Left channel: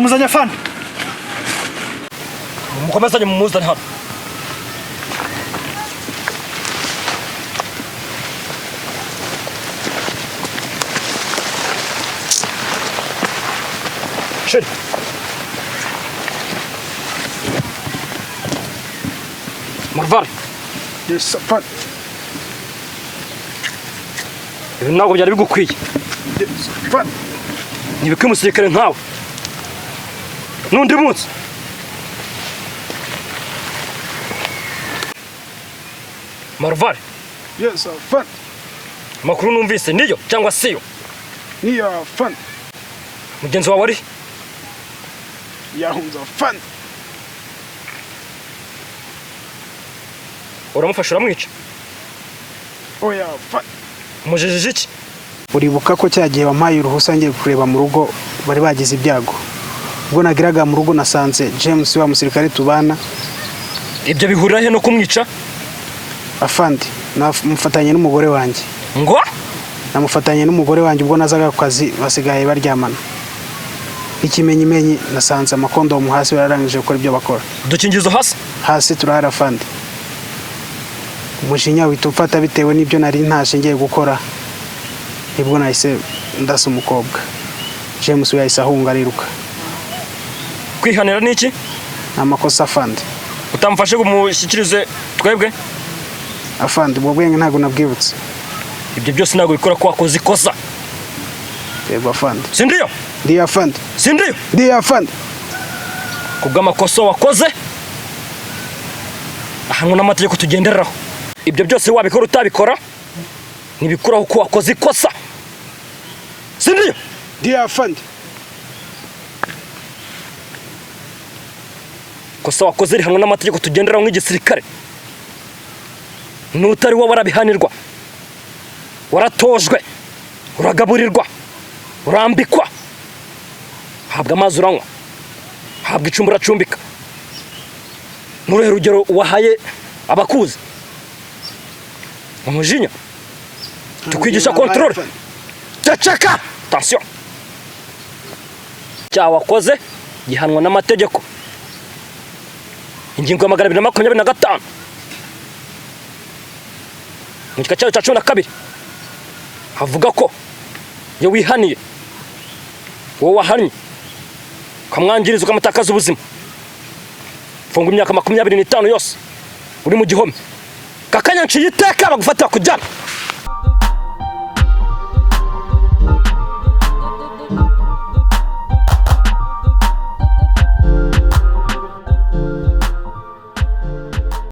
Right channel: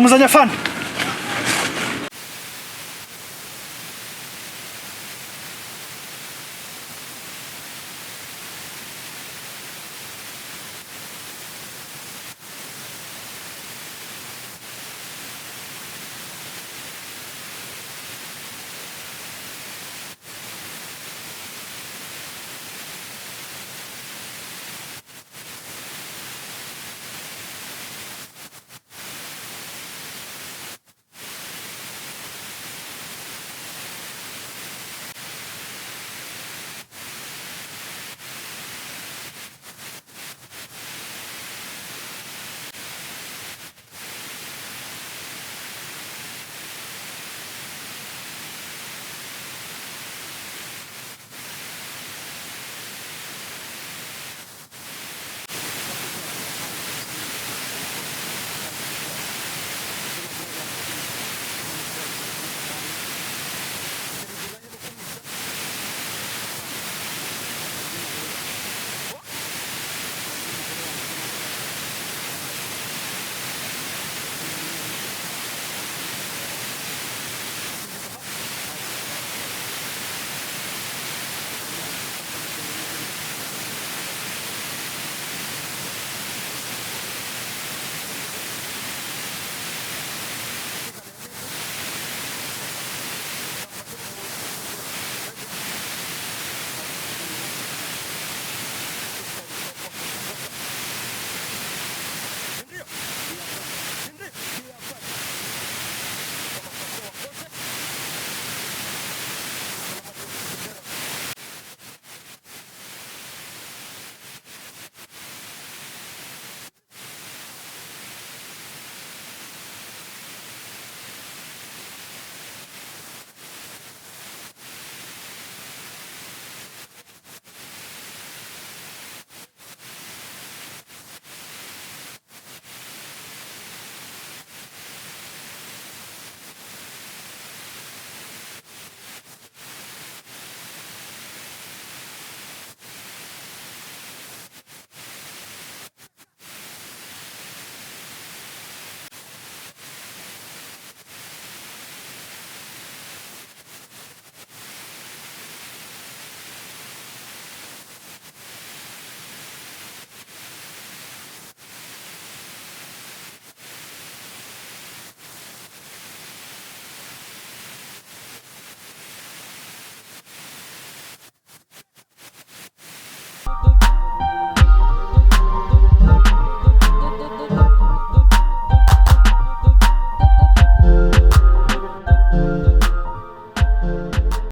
ndamuzanya fana mukomezanye mumuzane hano Shit. Marvar. Yes, fana. Ibi ntabwo byari bigukwiye. Yes, fana. Nibike umusirikare nkawe. Nundi munsi. Marvar. Yes, fana. Makuru numvise niyo cyangwa siyo? Niyo fana. Mugenzi wawe ari? Yahunze fana. Uramufasha uramwica? Oya fana. Mujejije iki? Uribuka ko cyagiye wampaye uruhusa ngiye kureba mu rugo bari bagize ibyago. Ubwo nagiraga mu rugo nasanze James wa musirikare tubana. Ibyo bihurira he no kumwica? Afandi, namufatanye n'umugore wanjye. Ngo? Namufatanye n'umugore wanjye ubwo nazaga ku kazi basigaye baryamana. Ikimenyimenyi nasanze amakondomu hasi bararangije gukora ibyo bakora. Dukingizo hasi? Hasi turahara afandi. Umujinya witufata bitewe n'ibyo nari ntashe ngiye gukora. Nibwo nahise ndasa umukobwa. James yahise ahunga ariruka. Kwihanira niki? Amakosa afandi. Utamfashe kumushyikirize twebwe? Afandi, ubwo bwenge ntago nabwibutse. Ibyo byose ntago bikora ko wakoze ikosa. Yego afandi. Sindiyo? Ndiyo afandi. Sindiyo? Ndiyo afandi. Kubw'amakosa wakoze ahanwe n'amategeko tugenderaho. Ibyo byose wabikora utabikora nibikuraho ko wakoze ikosa. Sindiyo? Ndiyo afandi. Kosa wakoze rihanwe n'amategeko tugenderaho nk'igisirikare. N'utari wo warabihanirwa. Waratojwe. Uragaburirwa. Urambikwa. Habwa amazi uranywa. Habwa icumbi uracumbika. Nuruhe rugero wahaye abakuzi? Umujinya. Tukwigisha control. Tacaka. Attention. Cyaha wakoze gihanwa n'amategeko. Ingingo ya 225. Mu gika cyayo cya 12 havuga ko iyo wihaniye wowe wahannye ukamwangiriza ukamutakaza ubuzima funga imyaka 25 yose uri mu gihome kakanya nciye iteka bagufatira kujyana